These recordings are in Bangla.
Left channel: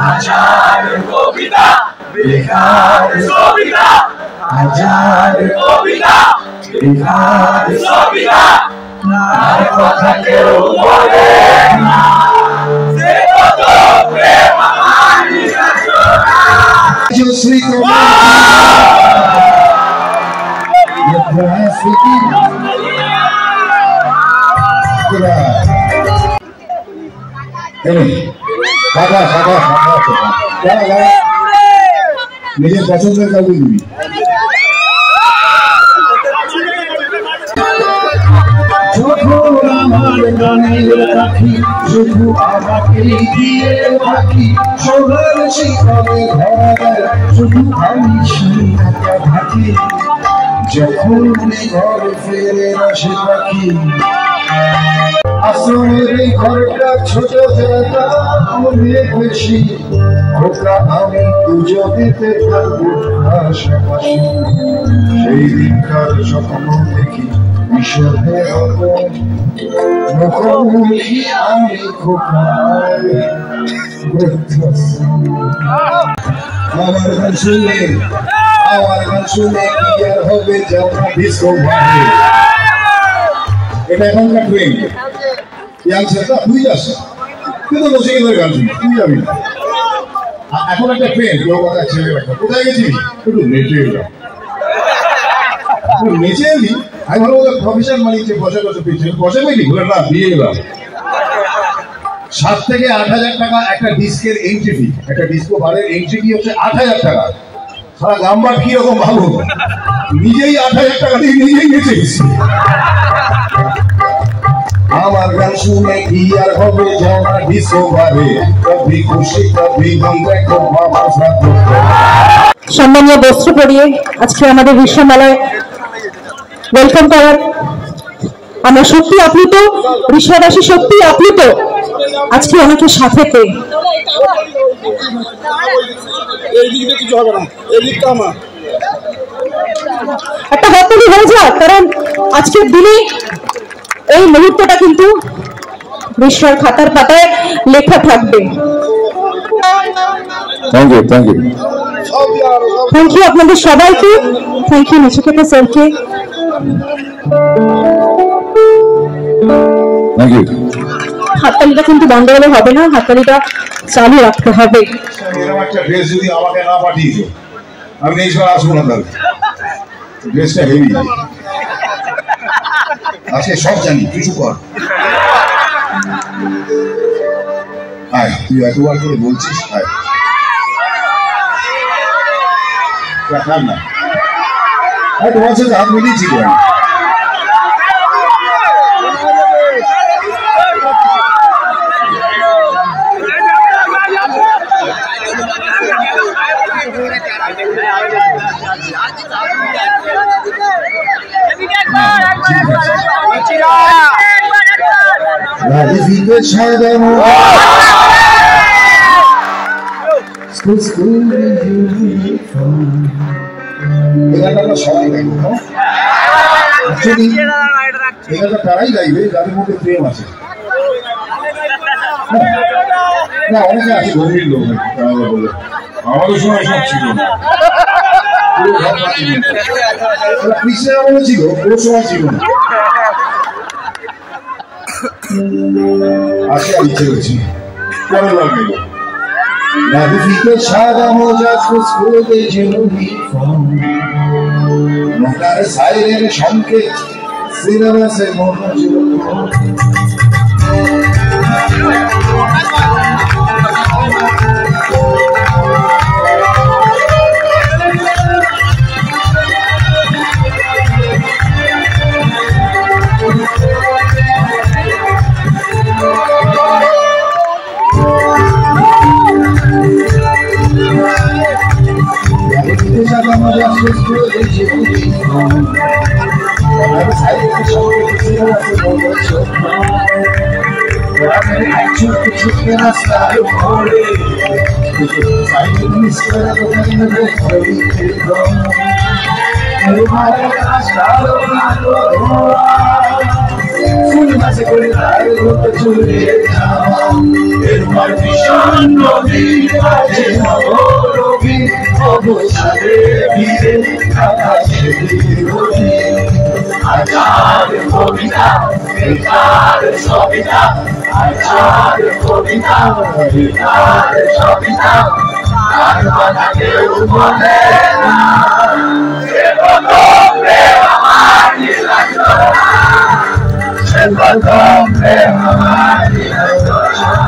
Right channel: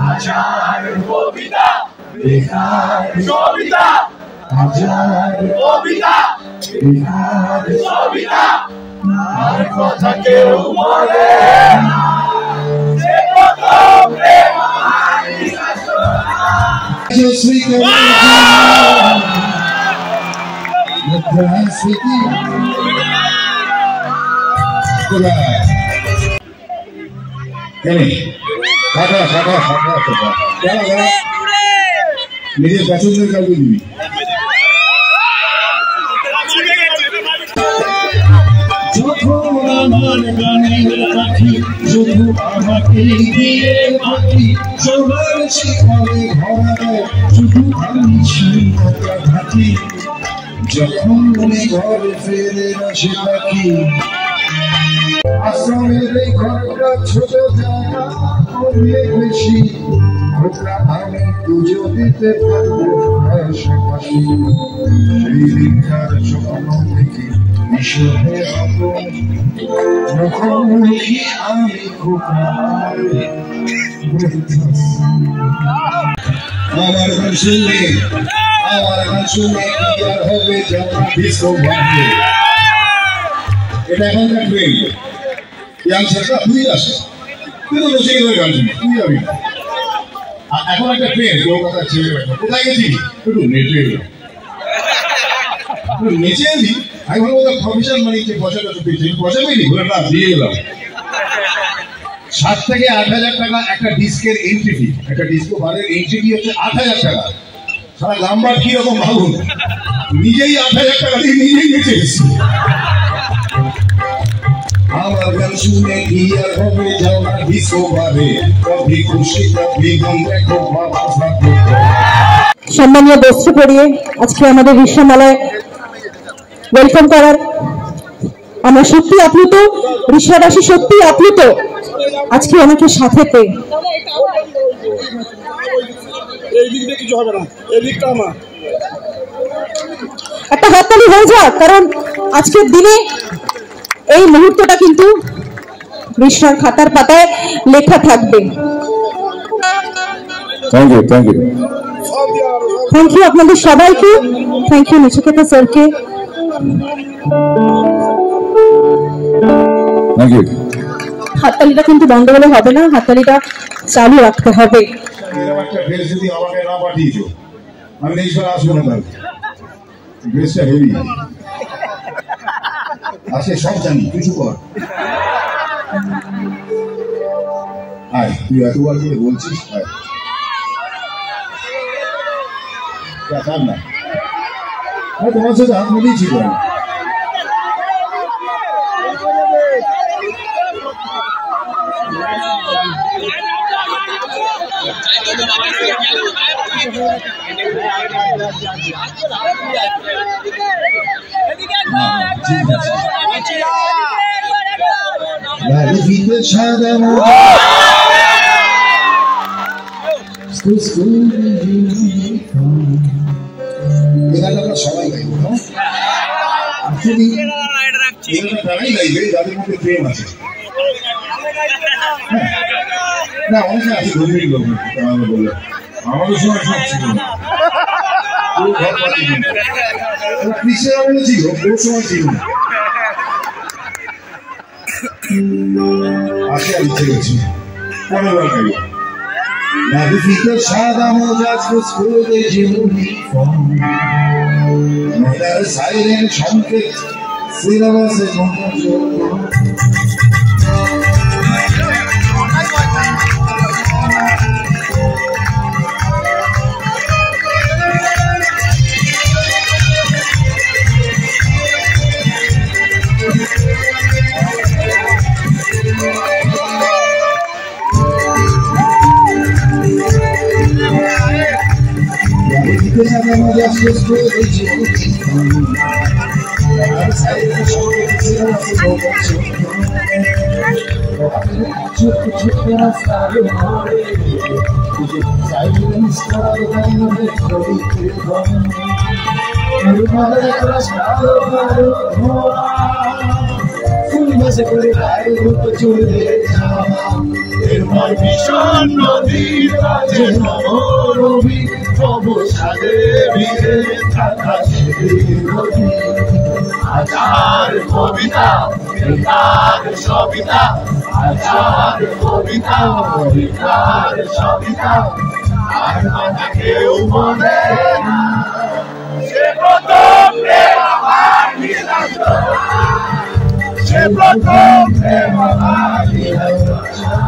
হাজার কবিতা বেকার সবিতা হাজার কবিতা বেকার সবিতা তার কথা কেউ বলে না সে কত প্রেম মানিকা সোনা শ্রী নিজের পছন্দের কাউকে দিবি যখন আমার গানের পাখি শুধু আমাকে দিয়ে পাখি সোনার শিকলে ধরা দেয় শুধু আমি শিখা থাকি যখন ঘরে ফেরে আসে পাখি আশ্রমের এই ঘরটা ছোট জায়গা অনেক বেশি ওটা আমি দুজনেতে থাকবো পাশাপাশি সেই দিনকার স্বপ্ন দেখি ঈশ্বরের মুখোমুখি আমি আমার গান শুনে কি আর হবে যেমন ভীষণ ভাবে এটা এখনকার ট্রেন ইয়াংস্টারটা তুই আসা তুই তো বসে গেলে গান শুনি তুই যাবি না এখন একটা ট্রেন কলকাতার ছেলেরা কোথায় গেছিস একটু নেচে এলাম নেচে এলি আমি ভালো বলতে প্রফেশন মানিকছে পয়সা কত পেয়েছে পয়সা পেয়েছি ঘুরে না দিয়ে এলাম 7 থেকে 8,000 টাকা একটা ডিস্কের এন্ট্রি ফি একটা ডিস্কো বারের এন্ট্রি ফি হচ্ছে 8,000 টাকা সারা নাম্বার কিরকম ভালো নিজেই 8,000 টাকা দিয়ে নিজেই নেচে গেছি আমার গান শুনে কি আর হবে জানা ডিস্কো বারে কবি খুশি কবি গম দেখো বাবা সাথে সম্মানীয় বস্ত্র পরিয়ে আজকে আমাদের বিশ্বমেলায় ওয়েলকাম করার আমরা সত্যি আপ্লুত বিশ্ববাসী সত্যি আপ্লুত আজকে অনেকের সাথে পেয়ে একটা হাততালি হয়ে যাক কারণ আজকের দিনে এই মুহূর্তটা কিন্তু বিশ্বের খাতার পাতায় লেখা থাকবে। থ্যাংক ইউ আপনাদের সবাইকে থ্যাংক ইউ নচিকেতা স্যারকে হাততালিটা কিন্তু বন্ধ হলে হবে না হাততালিটা চালু রাখতে হবে যদি আমাকে না পাঠিয়েছো আমি নেক্সট বার আসবো না তাহলে ড্রেসটা হেভি আজকে সব জানি কিছু কর আয় তুই এতবার করে বলছিস আয় না তোমার সাথে হাত মিলিয়েছি তো সবাই গাইব তারাই গাইবে যাদের মধ্যে প্রেম আছে না অনেকে আছে গভীর লোক আমাদের সময় সব ছিল না কৃষ্ণের আমলে ছিল ওর সময় ছিল না আসে ইচ্ছে হচ্ছে পরের বার গাইব নাবিকে সাদা মোজা ফুসফুসে ইউনিফর্ম মোটার সাইরের সংকেত সিনেমাসে মনোযোগ ফুল মাসে করে তার চুলে তোমার ভীষণ নদীর মাঝে নবরবি অবসাদে ভিড়ে থাকা সেদিন হাজার কবিতা বেকার সবিতা হাজার কবিতা বেকার সবিতা আর কথা কেউ বলে না সে কত প্রেম আমার নীলাঞ্জনা সে কত প্রেম আমার নীলাঞ্জনা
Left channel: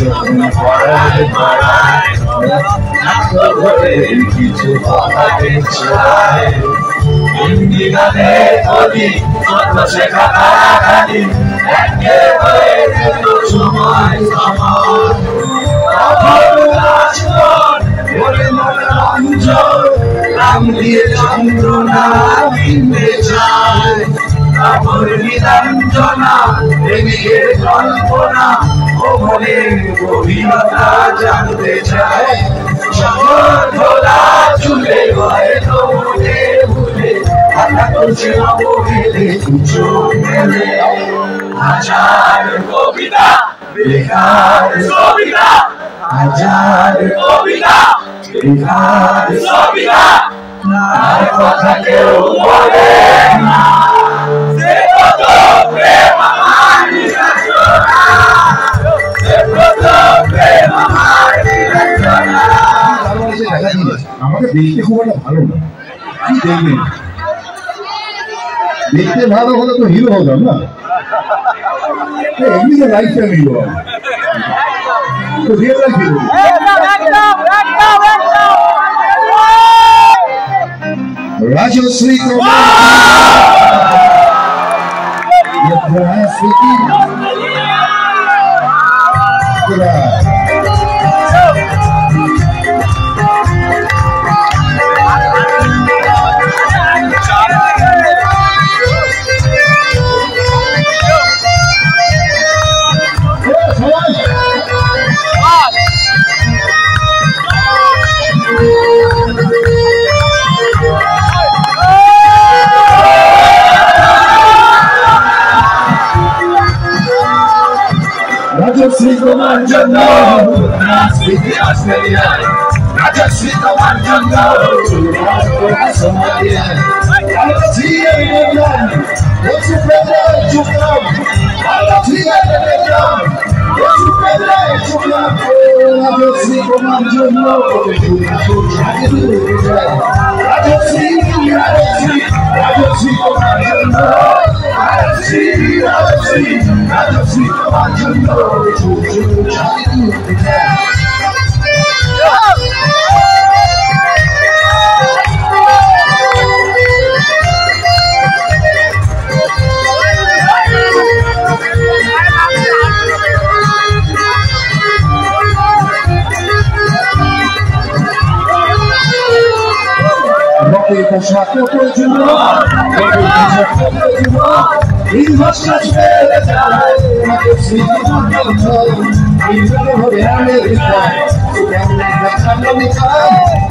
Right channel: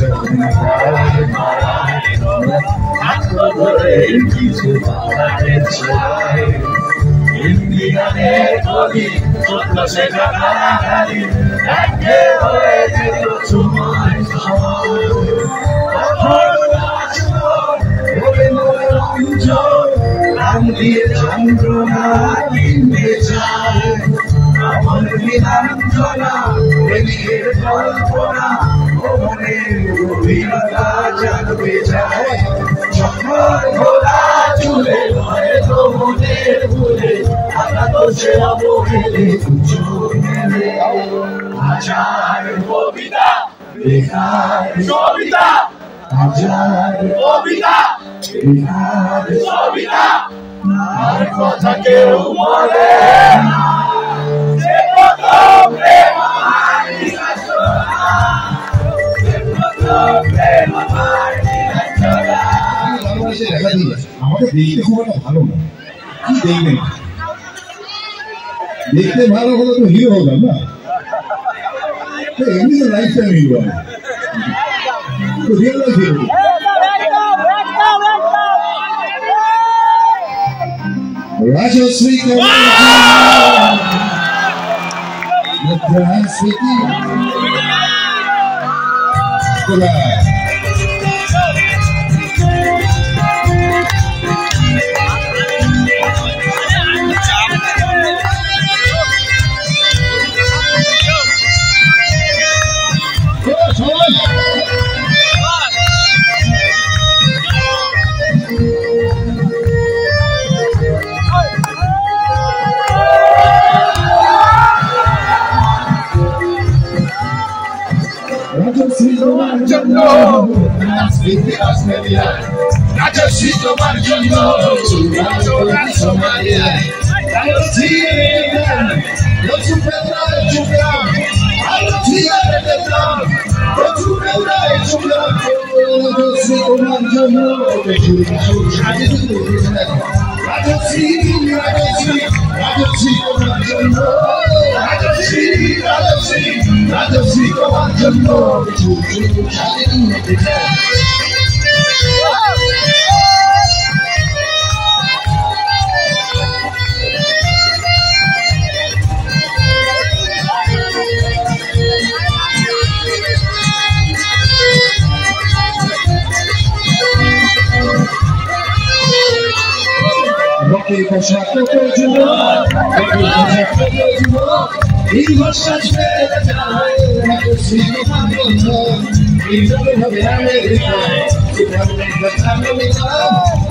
যখন পড়ায় পড়ায় ধরে কিছু কথাকে চায় হিন্দি গানে কবি সত্য শেখা খালি একে হয়ে যেত সময় সময় বলে মনে রঞ্জন রাম দিয়ে চন্দ্রনা কিনতে চায় তারপর নীলাঞ্জনা প্রেমিকের কল্পনা মনের গভীরতা জানতে চায় শহর ভোলা চুলে হয়তো মনে ভুলে হঠাৎ সে অবহেলে কুচো মেলে হাজার কবিতা বেকার সবিতা হাজার কবিতা বেকার সবিতা আর কথা কেউ বলে না সে কত প্রেম আমার নীলাঞ্জনা আমাকে দেখতে খুব একটা ভালো না কি দেখবেন দেখতে ভালো হলে তো হিরো হলো না এমনি তো লাইফ টাইম হিরো হবে তো real life hero Rajashree Radosí tomar jano, nascite Australia. Radosí tomar jano, sumas por Somalia. Radosí evidentan, ochu pedra chukram. Radosí evidentan, ochu pedra chukram. Radosí tomar jano, ochu chadi dura. Radosí tomar jano. Radosí tomar jano, ochu chadi dura. Poszłako podziło, i możesz wyleciać, na to świetnie pamiętą, i zachowy Ameryka, i tam na mica,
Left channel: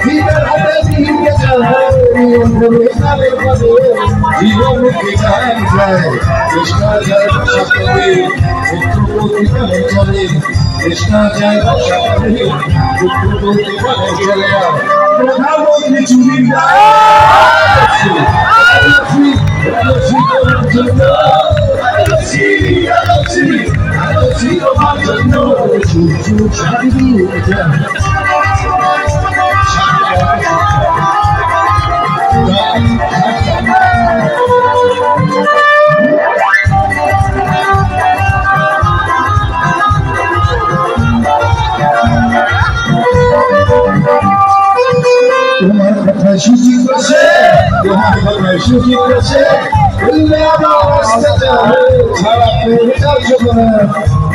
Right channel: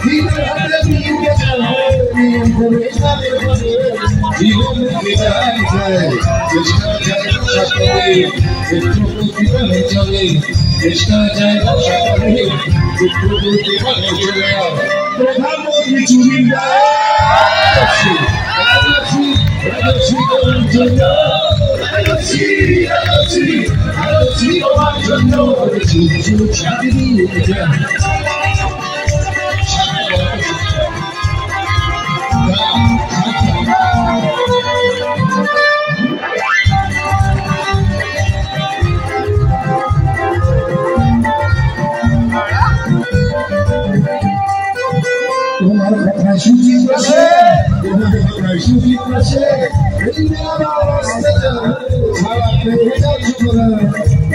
i tam odebij wieczorem, i umówię na wykłady, i umówię na wykłady, Krishna jai Bhakshakari, Vitruputi Panichari, Krishna jai Bhakshakari, Vitruputi Panichari, Pradhamotri Churinda. Shooting crochet, you have got my shooting crochet. We'll never lost the time. Tara without your mother.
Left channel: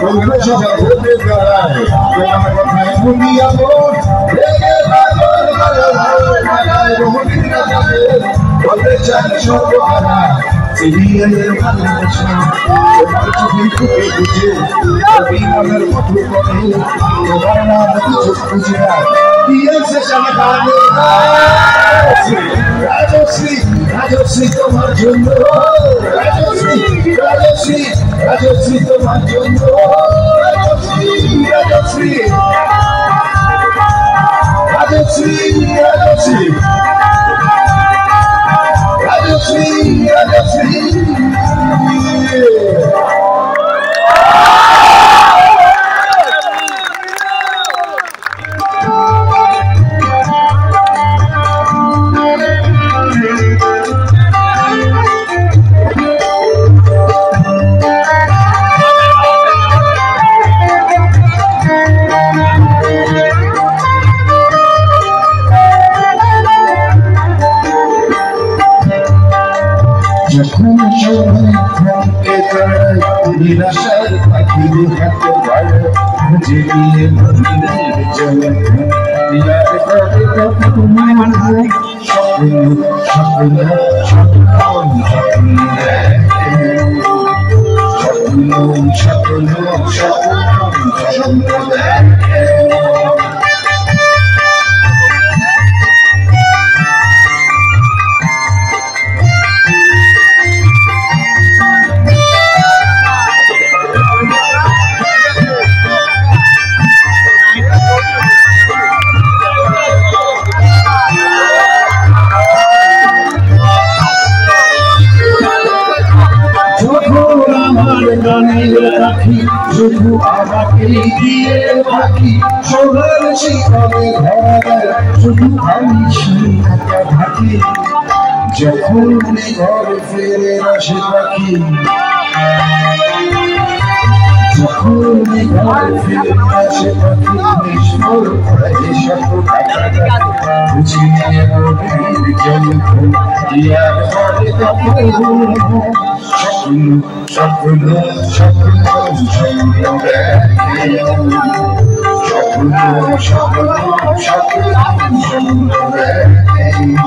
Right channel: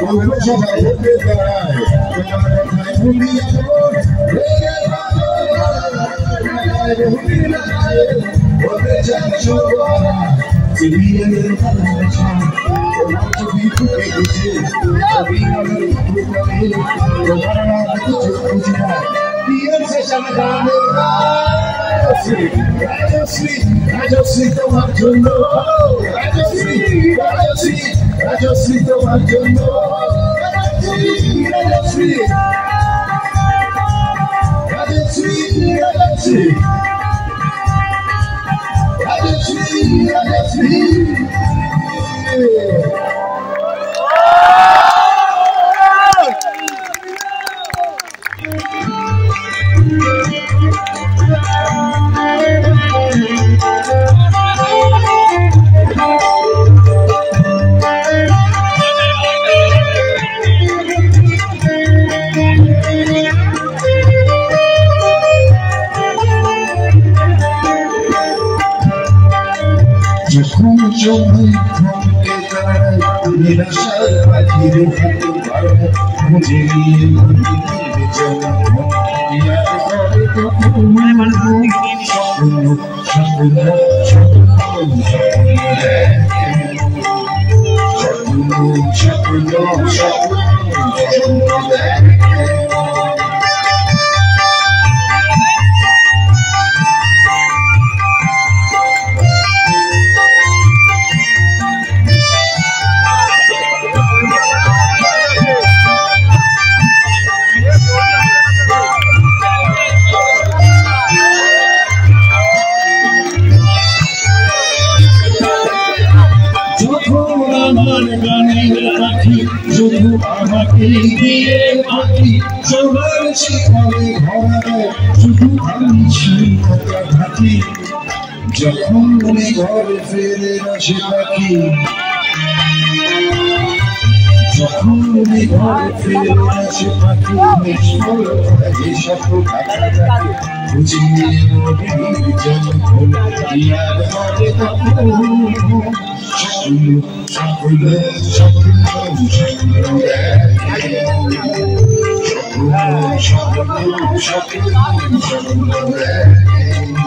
We'll push up a good bit of guy. You have got my movie alone. Reggae, my God, my God, my God, জানে সর্বহারা সিরিয়ালের ভালোবাসা তোমার চোখে চোখে বুঝে অভিমানের মতো করে তোমার নাম কিছু বুঝে দিয়েছে সমাধানে রাজশ্রী রাজশ্রী তোমার জন্য রাজশ্রী রাজশ্রী রাজশ্রী তোমার জন্য রাজশ্রী রাজশ্রী রাজশ্রী রাজশ্রী রাজশ্রী রাজশ্রী যখন সময় থমকে দাঁড়ায় নিরাশার পাখি দেখাতে পারে খুঁজে নিয়ে মন্দিরের জগৎ ইয়াদ করে তখন স্বপ্ন স্বপ্ন স্বপ্ন স্বপ্ন স্বপ্ন স্বপ্ন স্বপ্ন স্বপ্ন দেখে শুধু আমাকে দিয়ে পাখি সোনার শিকলে ভরা দেয় শুধু আমি শিখা থাকি যখন ঘরে ফিরে আসে পাখি যখন ঘরে ফিরে আসে পাখি নিষ্ফল হয় সকল বুঝিয়ে নদীর জল ইয়াদ করে তখন স্বপ্ন স্বপ্ন স্বপ্ন স্বপ্ন দেখে স্বপ্ন স্বপ্ন স্বপ্ন স্বপ্ন দেখে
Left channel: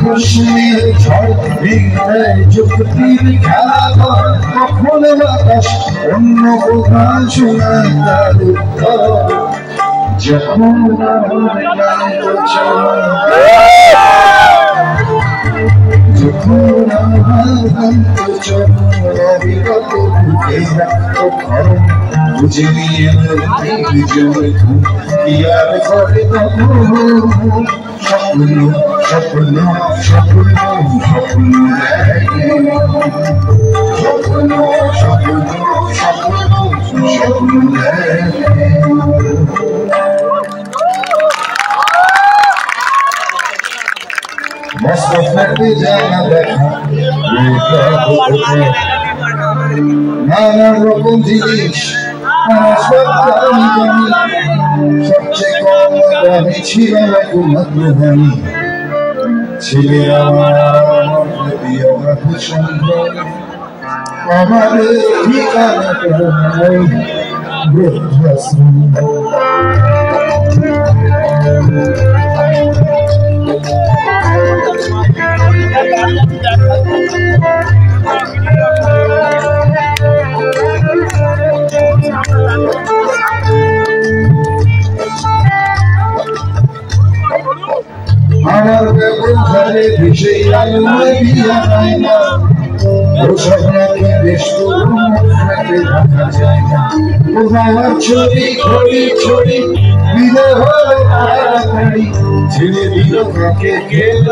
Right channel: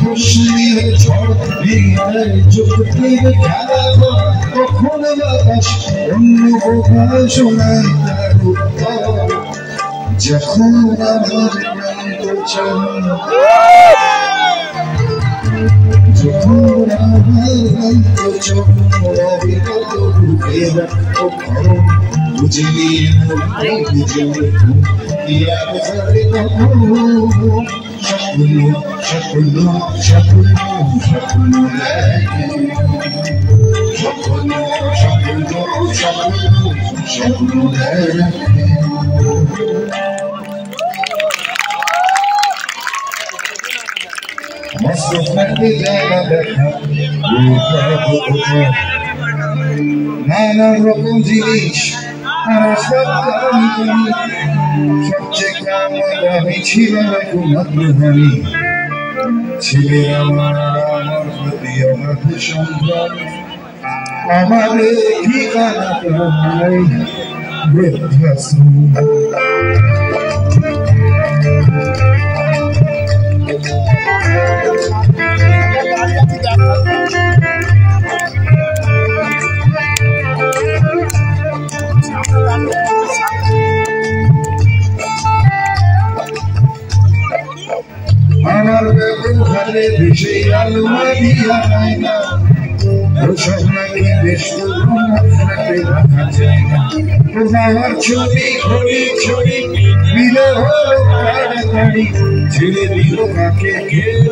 প্রশ্নের ঝড় ভেঙে যুক্তির খেলা কখন বাতাস অন্য কোথাও শোনায় তার উত্তর যখন আমার যখন আমার অবিগত বুকে রাখত খরম বুঝে নিয়ে ইয়াদ করে তখন স্বপ্ন স্বপ্ন স্বপ্ন স্বপ্ন দেখে স্বপ্ন স্বপ্ন স্বপ্ন স্বপ্ন দেখে মস্ত ফেটে জায়গা দেখা নানান রকম জিনিস সবচেয়ে কম দামি ছিল মাত্র দামি ছেলে আমার প্রতি সম্ভব আমার ঠিকানা বৃদ্ধাশ্রম আমার ব্যবহারে ভেসে আলো দিয়া যায় না ওসব নাকি বেশ রাখা যায় না আমার ছবি ঘড়ি ছড়ি বিনা হলো তাড়াতাড়ি ছেড়ে দিল কাকে খেল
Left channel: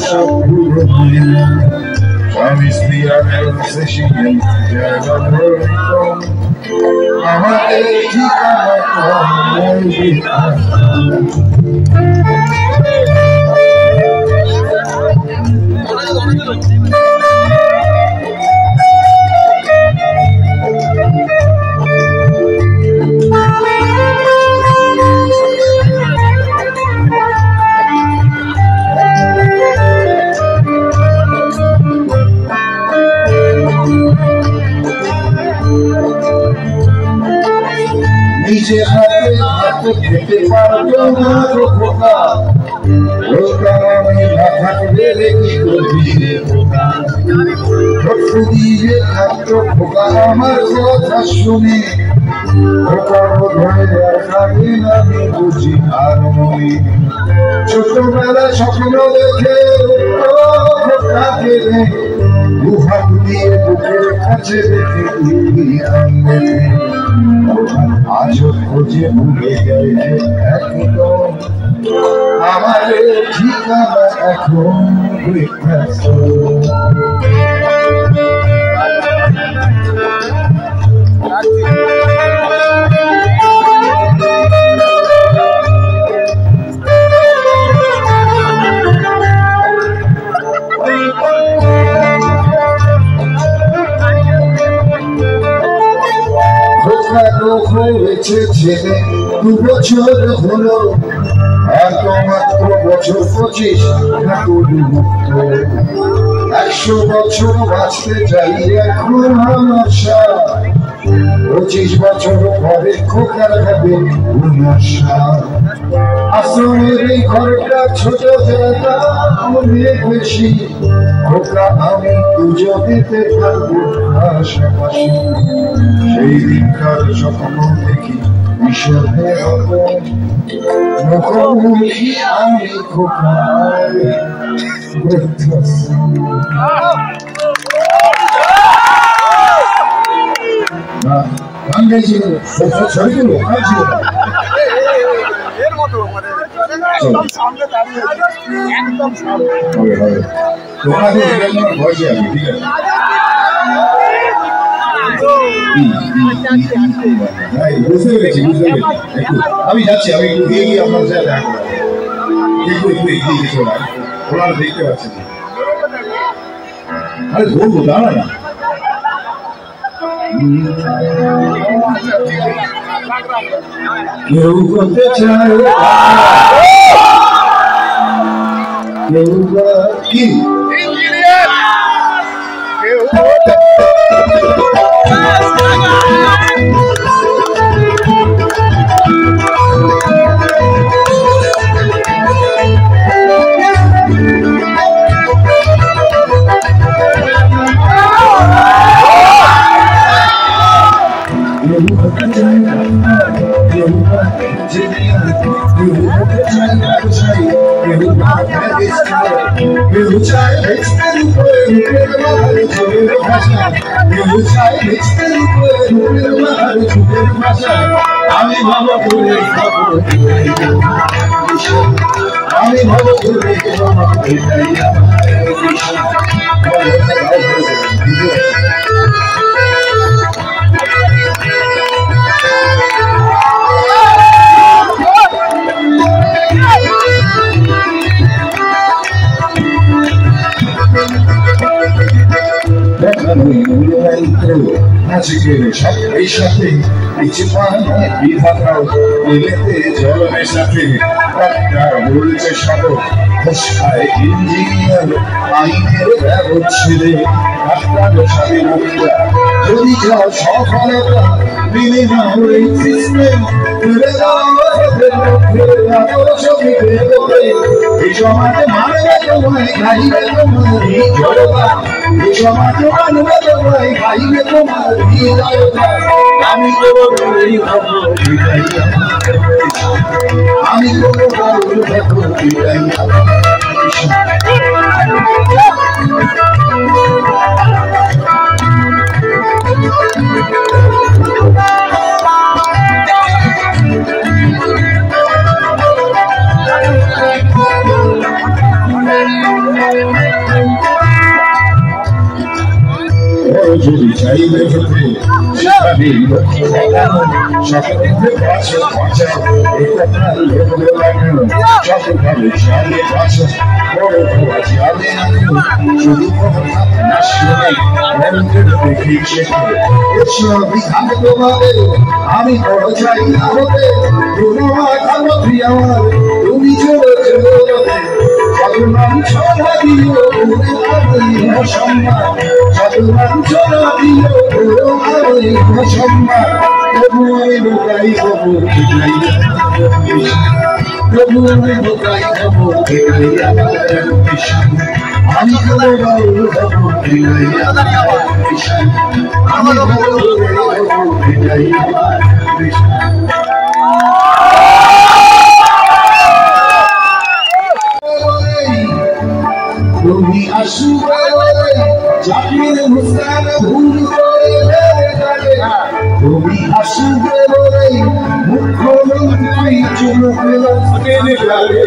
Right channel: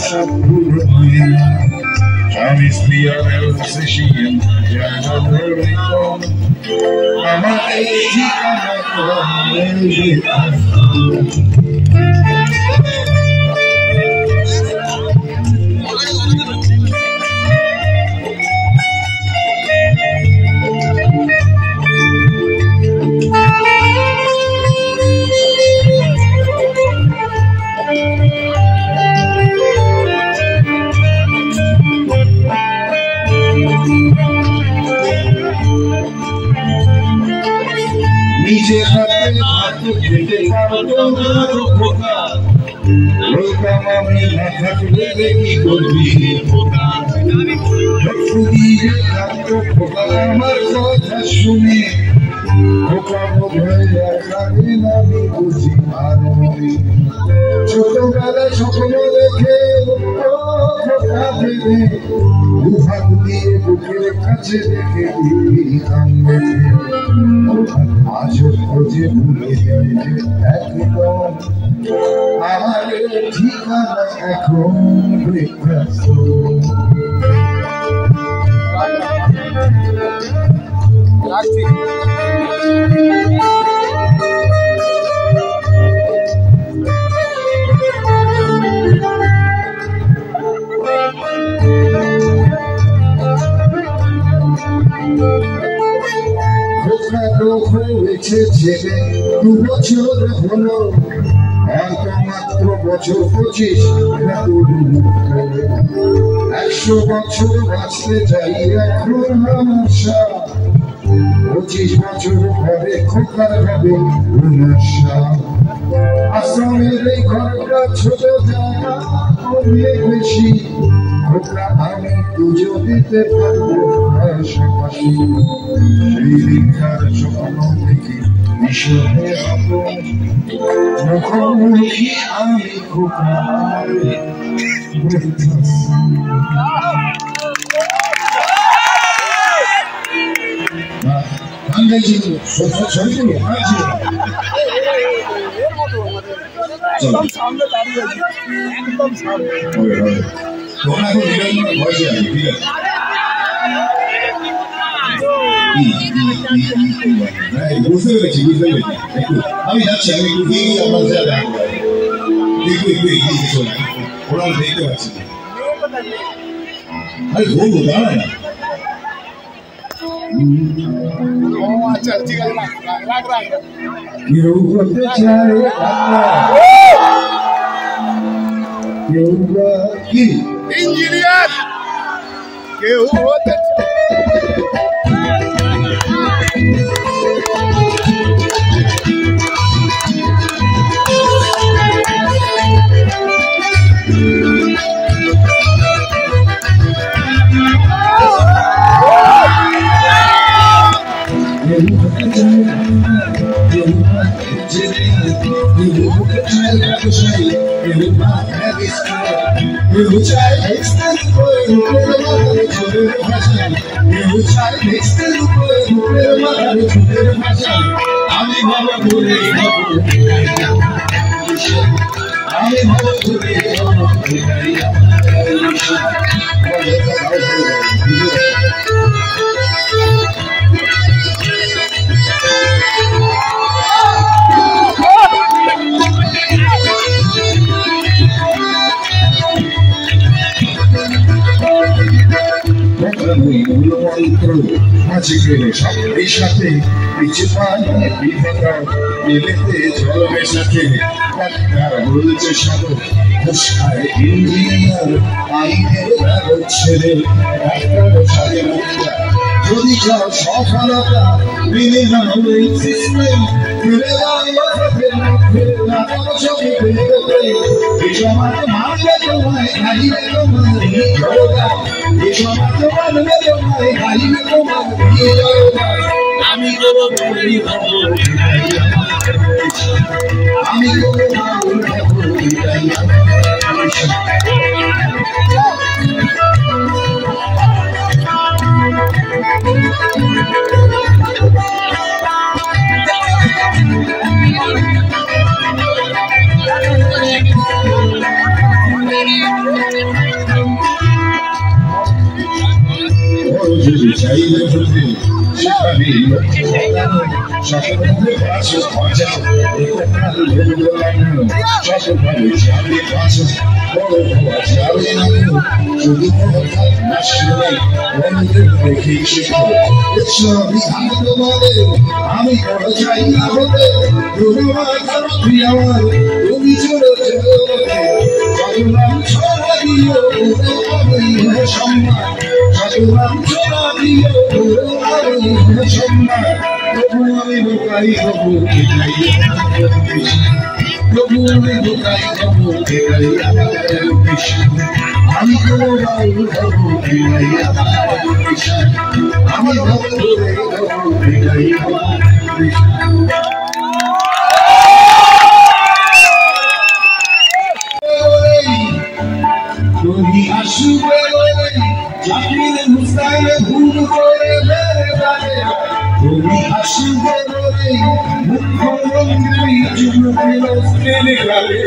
সব পুরো স্বামী স্ত্রী আর জায়গা আমাদের ঠিকানা নিজে হাতে হাতে খেতে পারতো না তো খোকা বলতাম আমি না থাকলে কি করবি খোকা দিয়ে থাকতো খোকা আমার কথা শুনে খোকা বোধহয় রাখাবে না আমি বুঝি আর মনে ছোটবেলা স্বপ্ন দেখে খোকাকে দুহাত দিয়ে বুকের কাছে দেখে আজও খোঁজে ভুলে যায় যে একদম আমার ঠিকানা এখন হয়েছে ছেলে 2 বছর হলো আর মাত্র বছর 25 100 বছর বাঁচতে চাই এখন আমার 25 বছর পরে খোকার হবে 59 আশ্রমের এই ঘরটা ছোট জায়গা অনেক বেশি খোকা আমি দুজনেতে থাকবো পাশাপাশি সেই দিনকার স্বপ্ন দেখি বিষণের মুখোমুখি আমি খোকা বুঝতে পেরেছি আমি যাচ্ছি আমি একটু গিয়ে গিয়ে আপনার সাথে দেখা করবো একটু এগিয়ে কিছু ওনারা দেখতে পাচ্ছেন আরে বলবো দাঁড়া না কেউ করতে চায় কেউ কি ইঞ্জিনিয়ার কেউ আমি ভালো ঘুরে আমি ভালো ঘুরে এই সাথে বিভাগাও এলেতে জল মেশাতে ডাক্তার বলছে সদর খোসায় ইঞ্জিনিয়ার আইনের ব্যবচ্ছেদে ডাক্তার সাথে মহিলা যদি যাও সফলতা মিলে না হয়ে সিস্টেম তুলে এই সমাজে মানবে তোমায় খাইবে তোমার জড়তা এই সমাজে মানবে তোমায় খাইবে তোমার জড়তা আমি আমি যদি চাইলে হতে আমি সকলে পাঁচশো পাঁচা একথা লোক লাগে সকলে সাড়ে পাঁচশো বড় হওয়া যাবে না শুধু কথা না শুনে বড়দের দেখে শেখে সবই আমি তোমাদের আমি বড় চাই না হতে তোমার আমার তুমি চলে চলে চট্টগ্রাম ছড়া দিও সম্মান চট্টগ্রাম ছড়া দিও সম্মান তবু আমি বোকাই খবর এটাই তবু আমি বোকাই খবর এটাই আমি কোনো বাউল খবর এটাই আমি খবর এটাই তুমি আসবে জাকির মুস্তান ভুল করে তুমি আসবে বলে মুখ্যমন্ত্রী চুমুকে গেলে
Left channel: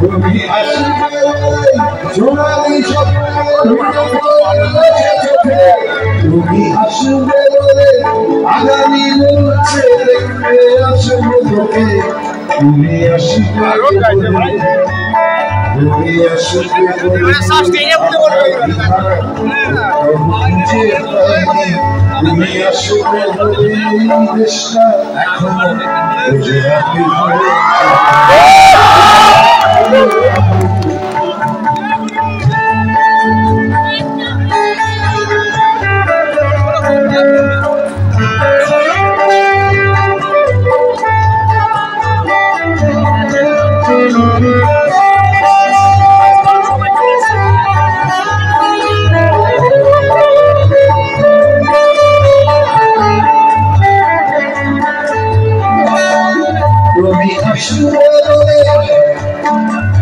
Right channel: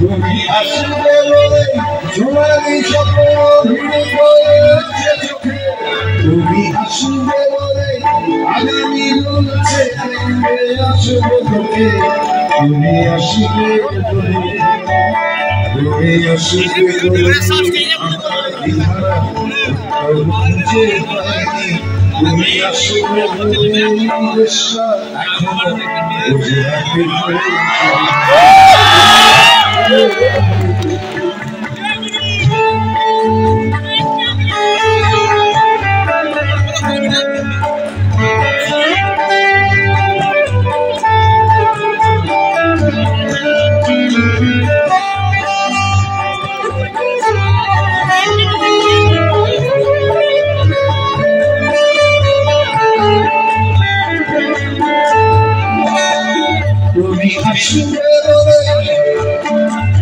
তুমি আসবে বলে সোনালি স্বপ্ন তুমি আসবে বলে আগামী বলছে দেখবে আসবে তোকে তুমি আসবে তুমি আসবে তুমি আসবে দেশটা এখনো গুজরাটের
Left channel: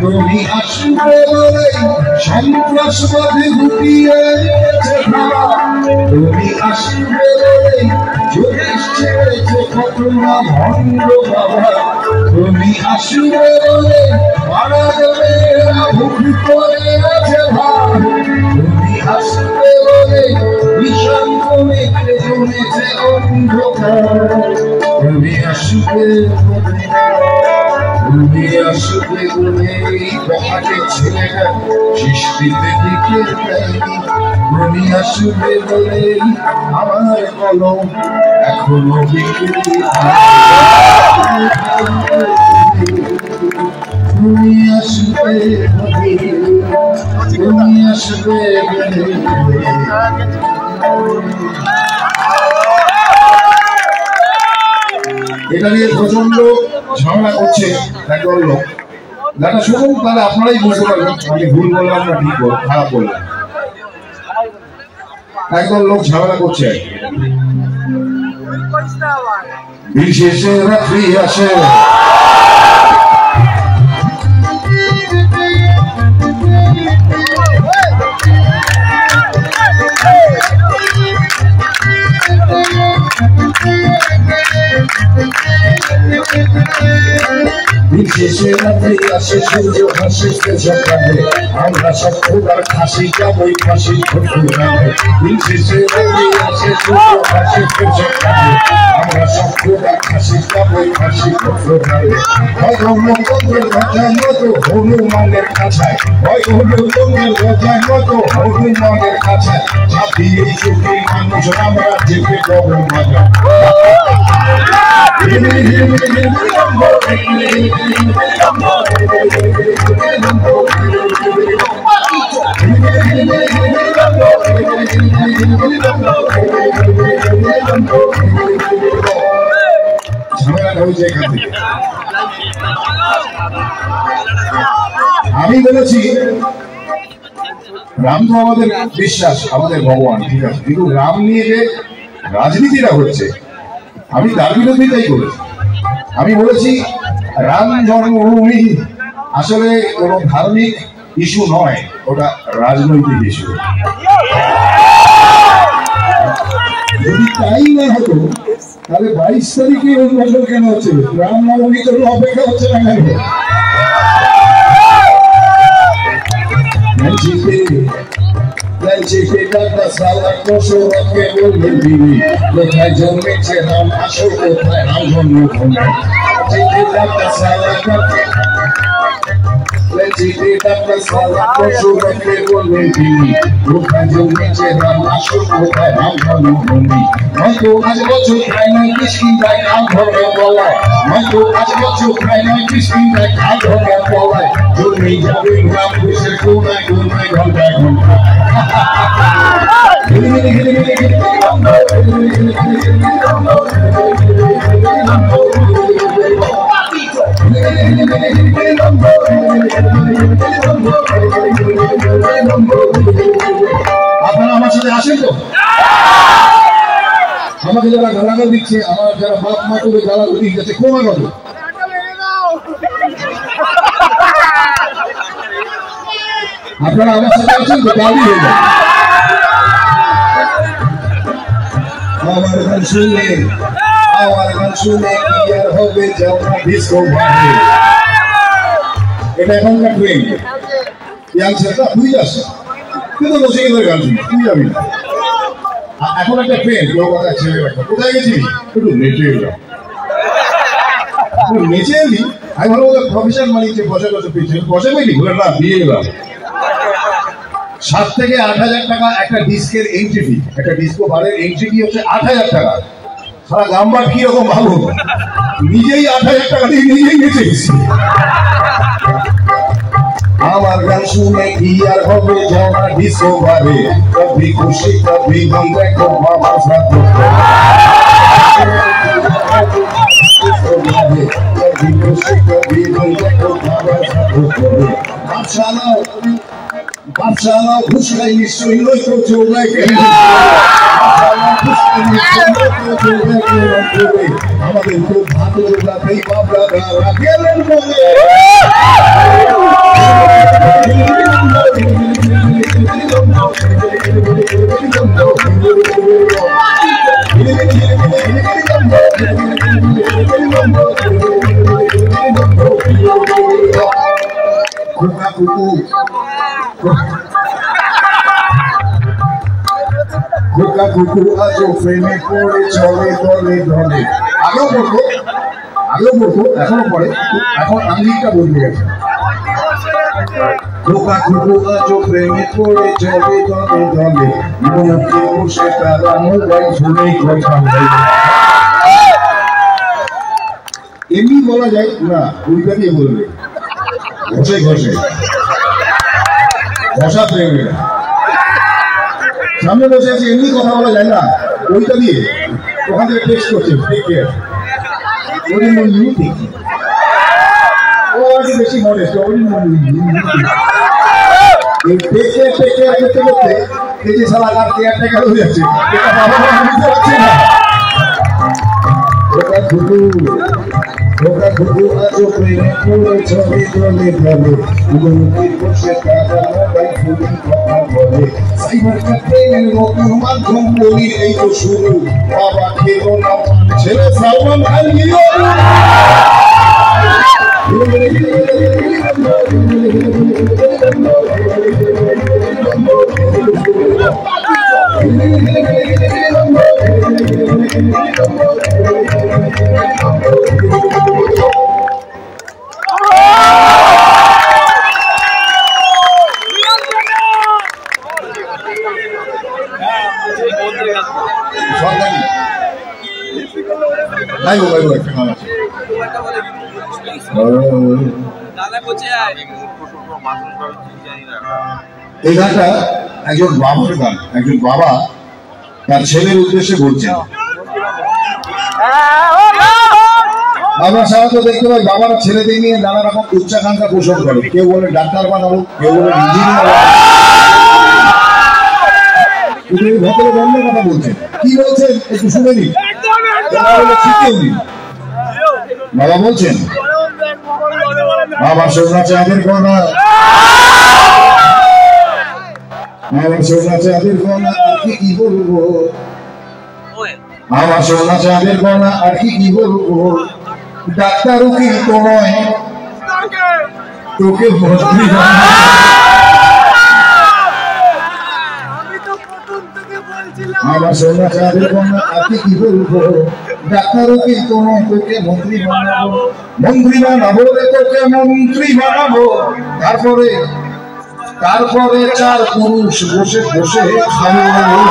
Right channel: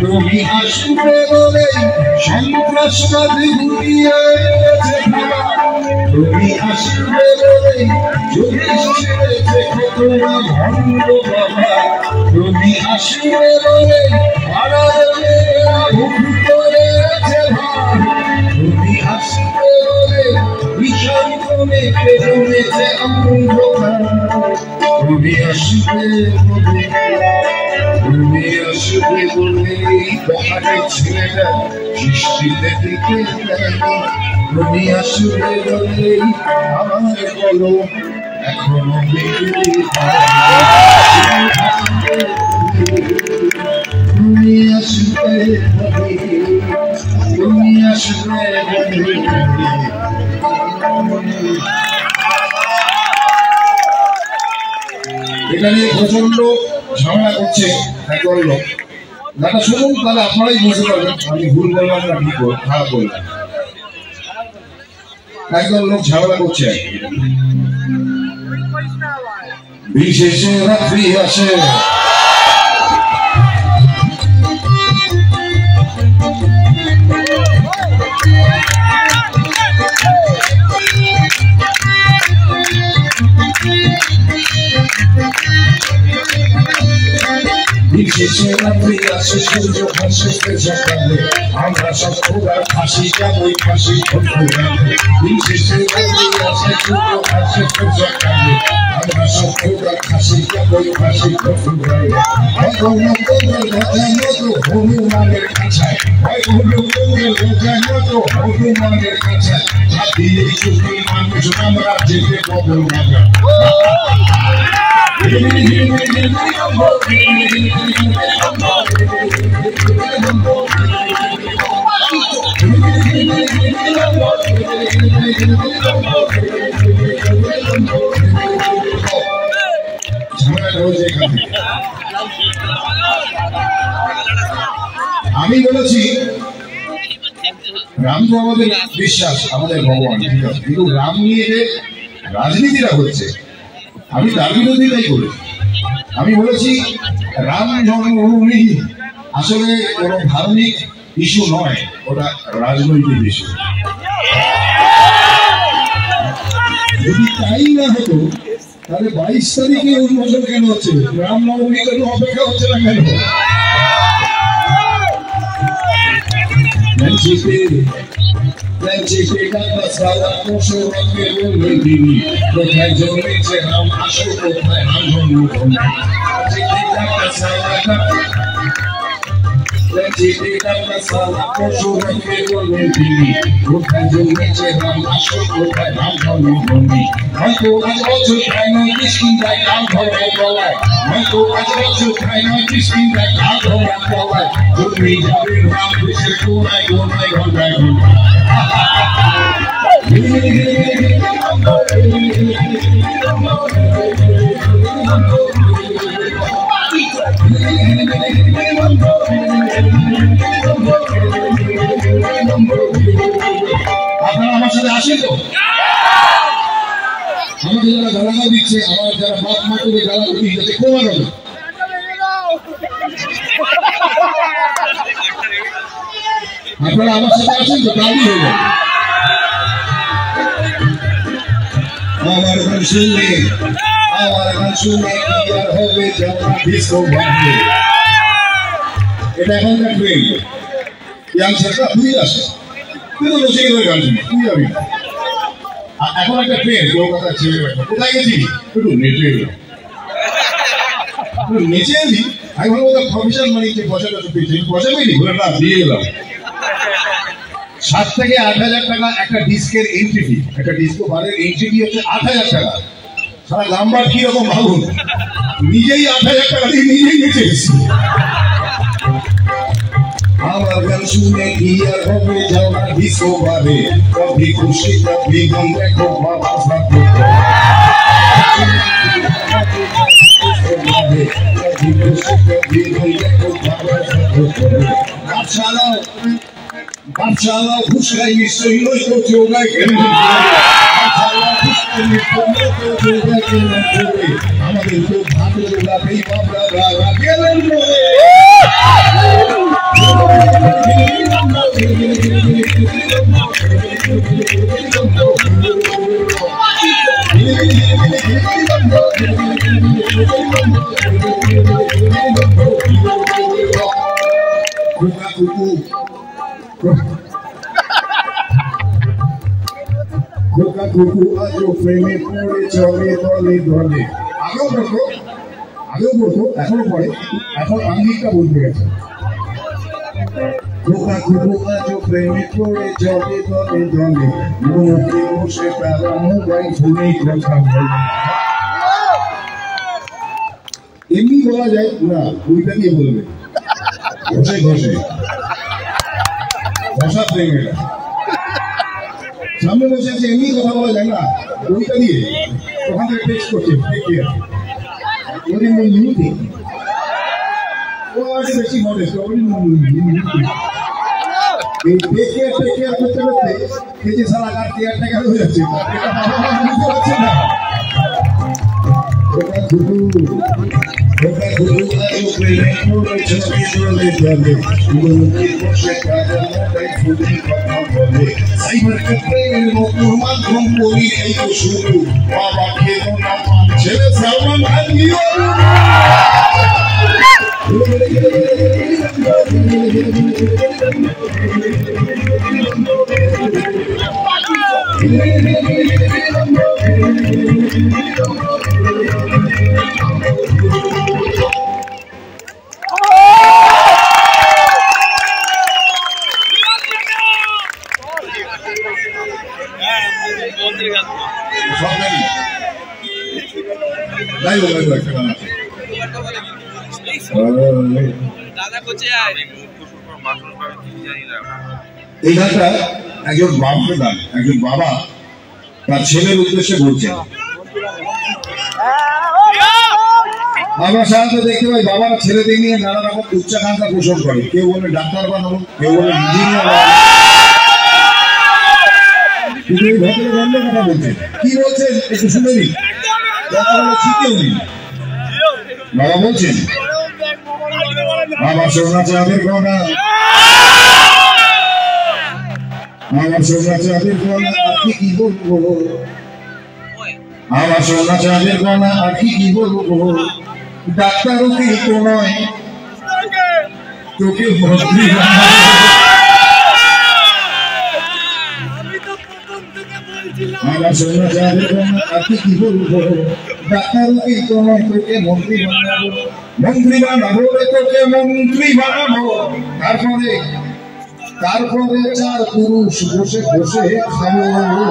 তুমি আসবে বলে সন্ত্রাসবাদী গুটিয়ে তুমি আসবে বলে জ্যোতিষ ছেড়েছে কতটা ভণ্ড বাবা তুমি আসবে বলে ভুল করে আছে ভাব তুমি আসবে বলে ভীষণ কমে জমেছে অন্ধকার তুমি আসবে বলে তুমি আসবে বলে বহাটের ছেলেটা সৃষ্টিতে দিকে তুমি আসবে বলে আমার কলম এখনো বিক্রি তুমি আসবে বলে তুমি আসবে বলে এটা নিয়ে প্রচন্ড ঝামেলা করছে একদল লোক যারা শুনুন তাহলে আপনারাই বুঝতে পারবেন আমি ভুল বললাম না ঠিক খারাপ বললাম একদল লোক ঝামেলা করছে বিশেষে রাত্রি আসে বিশেষে রাত্রি আসে সূর্য হাসে সকালে আমরা সব খোদার ফাঁসি যাবই ফাঁসি খোদারে বিশেষে রাত্রি আসে সূর্য হাসে সকালে আমরা সব খোদার ফাঁসি যাবই ফাঁসি খোদারে হয় গণতন্ত্রের গজায় মতো হনুমানের কাছায় হয় গণতন্ত্রের গজায় মতো হনুমানের কাছায় ছাপিয়ে চুপি মানুষ আমরা যেতে গরু মাজা আমি বলেছি রাম তো আমাদের বিশ্বাস আমাদের ভগবান ঠিক আছে কিন্তু রাম নিয়ে যে রাজনীতিটা হচ্ছে আমি তার বিরোধিতাই করেছি আমি বলেছি রাম জন্মভূমি আসলে কোনো ধার্মিক ইস্যু নয় ওটা রাজনৈতিক ইস্যু যদি তাই না হতো তাহলে 22 তারিখে উদ্বোধন কেন হচ্ছে রামনবমী জন্য অপেক্ষা হচ্ছে না কেন চিঠি কাটা সালা পশুরকে বলবেন তিনি কোথায় জন্মেছে রাম আসো কোথায় রাম জন্মভূমি চিঠি কাটা সালা চিঠি কাটা সালা পশুরকে বলবেন তিনি কোথায় জন্মেছে রাম আসো কোথায় রাম জন্মভূমি হয়তো আজ বছর প্রায় ৩৯ কাল ধরে বলায় হয়তো আজ বছর প্রায় ৩৯ কাল ধরে বলায় জন্মে যাবে গ্রাম দেশের কোনায় কোনায় ঘন্টায় ঘন্টায় আপনারা আমার সাথে আসেন তো আমাকে যারা গালানো দিচ্ছে আমার যারা বাপ মা তুলে গালানো দিচ্ছে ক্ষমা করবে আপনারা আমার সাথে আসেন তো দাবি হয়ে যাবে আমার গান শুনে কি আর হবে যাওয়া ডিস্কো ভাবে এটা এখনকার ট্রেন ইয়াংস্টাররা বুঝে আসে কিন্তু বসে গেলে গান শুনে তুই যাবি না এখন একটা ট্রেন কলকাতার ছেলে একটা কোথায় গেছিস একটু নেচে এলাম নেচে এলি আমি ভালো বলতে প্রফেশন মানিককে পয়সা পেয়েছি পয়সা পেয়েছি ঘুরে না দিয়ে এলাম 7 থেকে 8,000 টাকা একটা ডিস্কের এন্ট্রি ফি একটা ডিস্কো বারের এন্ট্রি ফি হচ্ছে 8,000 টাকা সারা নাম্বার কি রকম ভাবো নিজেই 8,000 টাকা দিয়ে নিজেই নেচে গেছি আমার গান শুনে কি আর হবে যাওয়া ডিস্কো বারে কবি খুশি কবি গম দেখো বাবা সাথে কবি খুশি কবি গম দেখো বাবা সাথে বাদশাহ খুশাই নিশ্চয়ই নয় তো চোখায় কেন আমাদের তো ভাত জোগাতেই বাবরা তারা গেলেন বলে খোকা কুকু আজও প্রেমে পড়ে চলে দলে দলে আগেও পড়তো এখনো পড়ে এখন আঙ্গিকটা বদলে গেছে খোকা কুকু আজও প্রেমে পড়ে চলে দলে দলে মনকে বসে তারা মোবাইল ফোনে কথা বলে এমনি বলা যায় না ওইটা দিয়ে বলবে ঘষে ঘষা প্রেমে সামনে বসে আছে এমনি কথা বলা যায় না ওইটা দিয়ে ওখান থেকে টেক্সট করছে টেক কেয়ার ওদের মন ইউটি ও আছে বেশি মডেস্ট ওদের মন এই টেক কেয়ার করতে করতে এই যে সালা কার কেয়ার টেকার হয়ে যাচ্ছে এটা বাবা মা বুঝতে পারছে না ওটা ঘুঘু আজও প্রেমে পড়ে ছবি দলে দলে মনকে বসে তারা মোবাইল ফোনে কথা বলে সাইবার ক্যাফের মতো মাধ্যম বলি এই তো শুরু বাবা খেলো না ছেলে সালমান খান গিয়ে এই গানটা একজন বাবার গান একজন বাবা তার ছেলের উদ্দেশ্যে বলছেন আমরা সাধারণত দেখতে পাই বাবারা ছেলেদের নিয়ে নানা রকম উচ্চাকাঙ্ক্ষা পোষণ করে কেউ বলে ডাক্তার বানাবো কেউ বলে ইঞ্জিনিয়ার ভেতরে অন্য কথা বলছেন কি বলছেন একটু শুনে নিন বাবা বলছেন আমার সোনা চাঁদের কোনা আমার সোনা চাঁদের কোনা আর কি বলবো আমার সোনা চাঁদের কোনা আর কি বলবো ডাক্তার উকিল নয় তোকে ভর্তি আমার সোনা চাঁদের কন্যা তাকে কি বলবো, ডাক্তারও কি কোনো তোকে মন্ত্রী বানাবো, মন্ত্রী বানাবো রে তোকে মন্ত্রী বানাবো। তারপরে চার পুরুষ বসে বসে খাওয়াবো।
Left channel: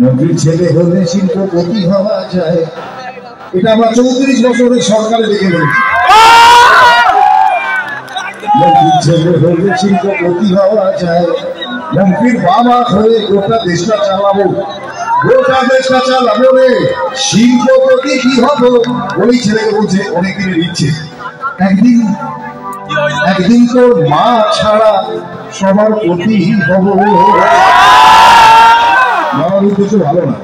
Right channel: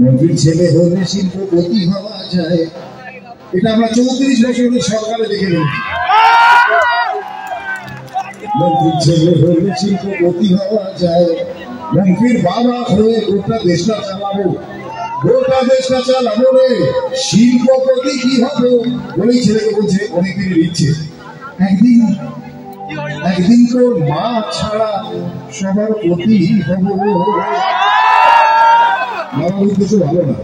মন্ত্রীর ছেলে হলে শিল্পপতি হওয়া যায়, এটা আমরা 34 বছরের সরকারে দেখে নিয়েছি। মন্ত্রীর ছেলে হলে শিল্পপতি হওয়া যায়, মন্ত্রীর বাবা হয়ে গোটা দেশটা চালাবো, গোটা দেশটা চালাবো রে, শিল্পপতি কি হবো। বলেই ছেলেকে বলছে অনেকদিনের ইচ্ছে, একদিন তোর মা ছাড়া সবার প্রতি হব। বাবার উদ্দেশ্য ভালো না।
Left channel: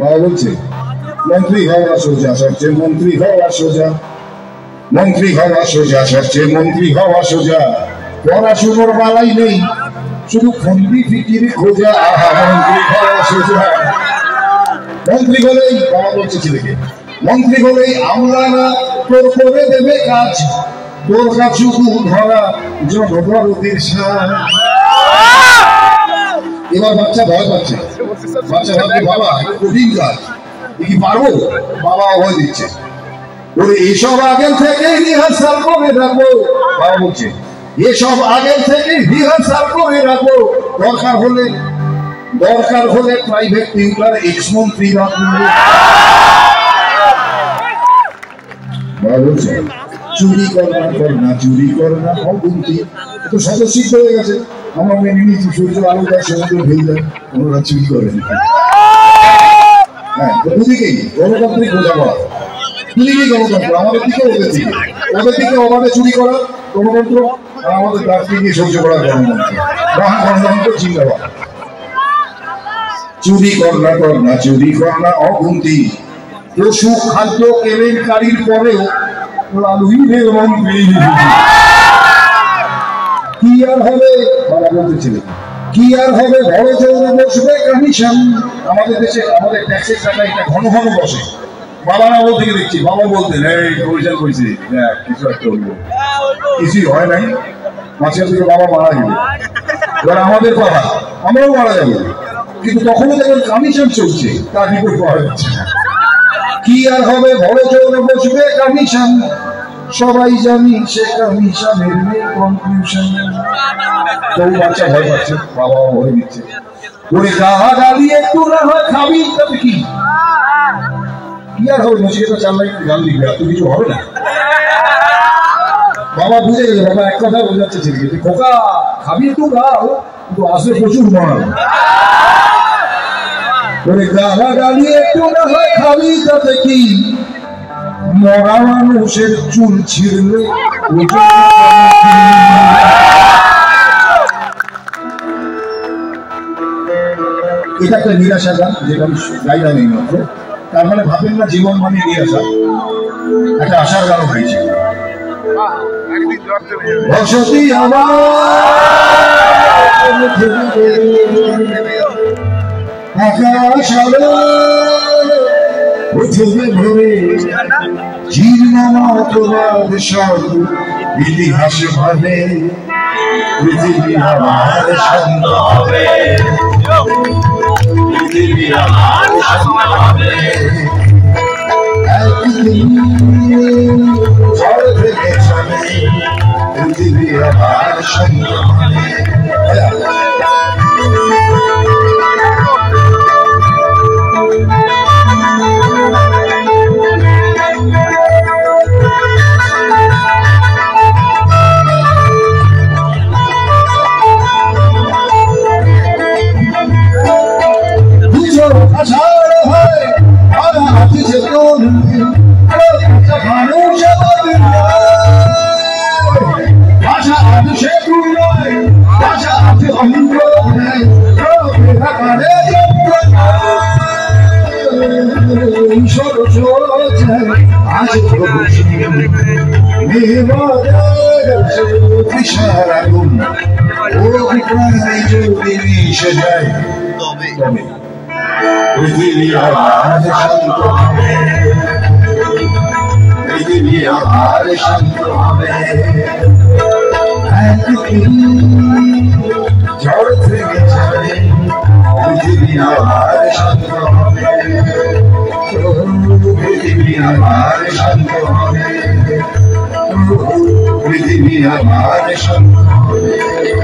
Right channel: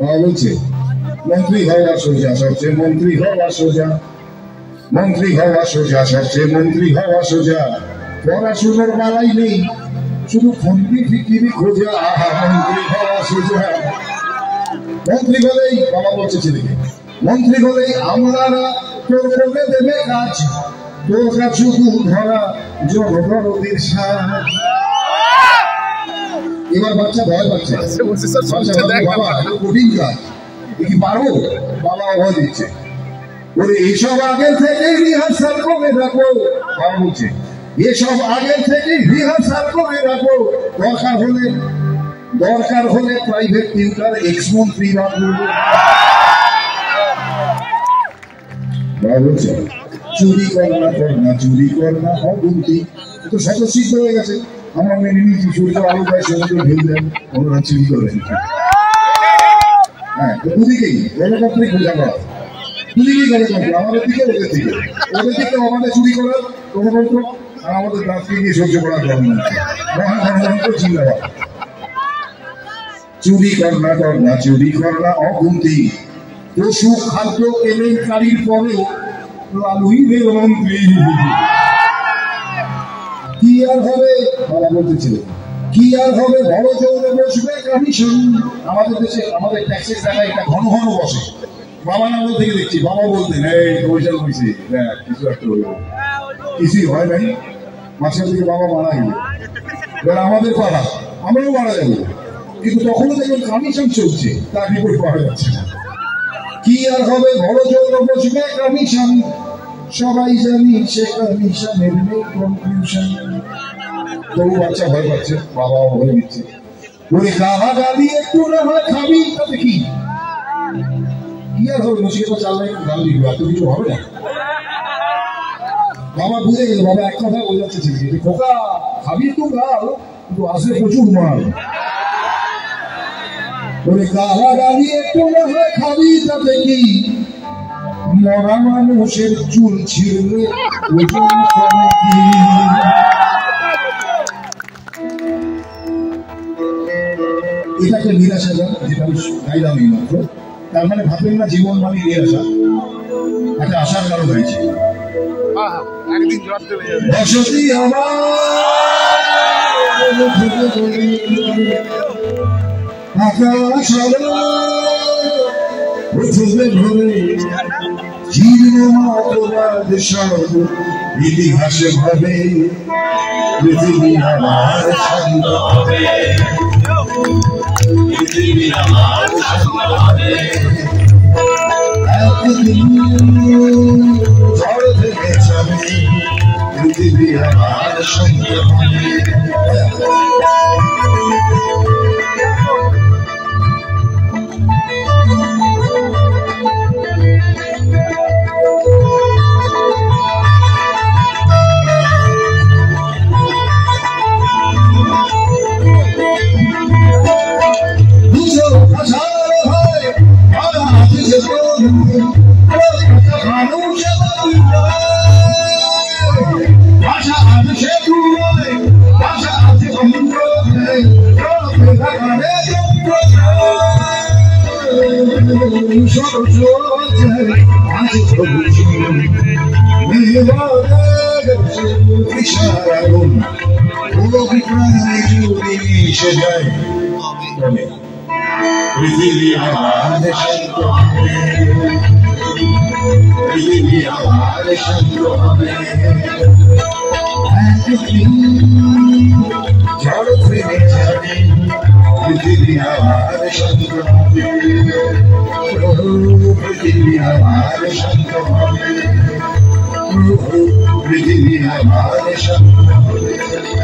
বাবা বলছে মন্ত্রী হওয়া সোজা, সবচেয়ে মন্ত্রী হওয়া সোজা, মন্ত্রী হওয়া সোজা, সবচেয়ে মন্ত্রী হওয়া সোজা। পড়াশুনোর বালাই নেই, শুধু ফন্দি ফিকিরি খোঁজা। মন্ত্রী হওয়া সোজা, মন্ত্রী হলেই, বাবা বলছে ছেলেকে, মন্ত্রী হলেই আমলারা তোর করে দেবে কাজ, তোর কাছুকু ধরা জনগণদের সাজ। এবার বাচ্চা ভয় পাচ্ছে, বাবা কঠিন কাজ, কি পারবো? বাবা ভয় দিচ্ছে, ওরে এসব আগের থেকে রিহার্সাল করে রাখবো। বাবা বলছে এসব আগের থেকে রিহার্সাল করে রাখবো, দরকার হলে প্রাইভেট টিউটার এক্স মন্ত্রী রাখবো। বাবা বলছে চুরি করনা চুরি করনা অগুন্তি। তো সদস্য হয়ে গেছে, আমরা মেনে নিয়েছি সূর্য আলো দেয়, সমুদ্র ঢেউ দেয়, ওনারা চুরি করেন। হ্যাঁ, দুদিকেই গণতান্ত্রিক বোঝাপড়া, দুদিকেই গণতন্ত্র, আমাদের দিকে ওদের দিকে, ওদের দিকে ওভাবে চুরি করা গণতন্ত্র, আর আমাদের কাছ থেকে সহ্য করা গণতন্ত্র। গণতন্ত্র জিন্দাবাদ। চুরি করনা অগুন্তি, পশু খাদ্য কেলেঙ্কারির পরেও লালুই রে মন্ত্রী। কি আর হবে, বাবা বলতেছিলেন, কি আর হবে, বড় জোরে বসবে কমিশন। আমাদের দেশে আমাদের ট্যাক্সের টাকা এটা ঘন ঘন বসে। বাবার আমল থেকে দেখছি, বাবা বলতেন এই কমিশন করেছে, কিছু একটা হইব, কিছুই হয় নাই, মাঝখান থেকে বাবা মারা গেল। এবার আমাদের পাড়া, আমরাও মারা যাবো, কিন্তু তখনও দেখবেন কমিশন চলছে, তার রিপোর্ট পাওয়া যাচ্ছে না। কি আর হবে, বড় জোরে বসবে কমিশন, সবাই জানি সে কমিশনের কনফিউশন। তোর বাচ্চা ভয় পাচ্ছে, বাবা ভয় দিচ্ছে, ওরে গাহা গালি একটু না হয় খাবি, তাতে কি আর হবে? নচিকেতা চাল্লাই গান লিখবে, আর তো কিছু হবে না। বাবা বুঝে গেছে, বাবা এক কথা বোঝাচ্ছে ছেলেকে, যে খোকা খাবি একটু গাও, কিন্তু আসলে প্রচুর মার। ওরে গাহা গালি একটু না হয় খাবি, তাতে কি মরা মানুষের চুল ছিঁড়লে। এটা একটা নিরাশা গান, যেটা আমি গাইলাম এই মাত্র। তার মানে ভাবেন না জীবন মানে নিরাশা, একটা আশার গানও হয়েছে। বসতি আমার আকাশ উঠবে ভরে, জীর্ণ মতবাদ সব ইতিহাসে ভাবে, পৃথিবী আমার শান্ত হবে, পৃথিবী আমার শান্ত হবে। একদিন ঝড় থেকে যাবে, পৃথিবী আমার শান্ত হবে। পৃথিবী আমার শান্ত হবে, পৃথিবী আমার শান্ত হবে। একদিন ঝড় থেমে যাবে, পৃথিবী আমার শান্ত হবে, পৃথিবী আমার শান্ত হবে, পৃথিবী আমার শান্ত হবে।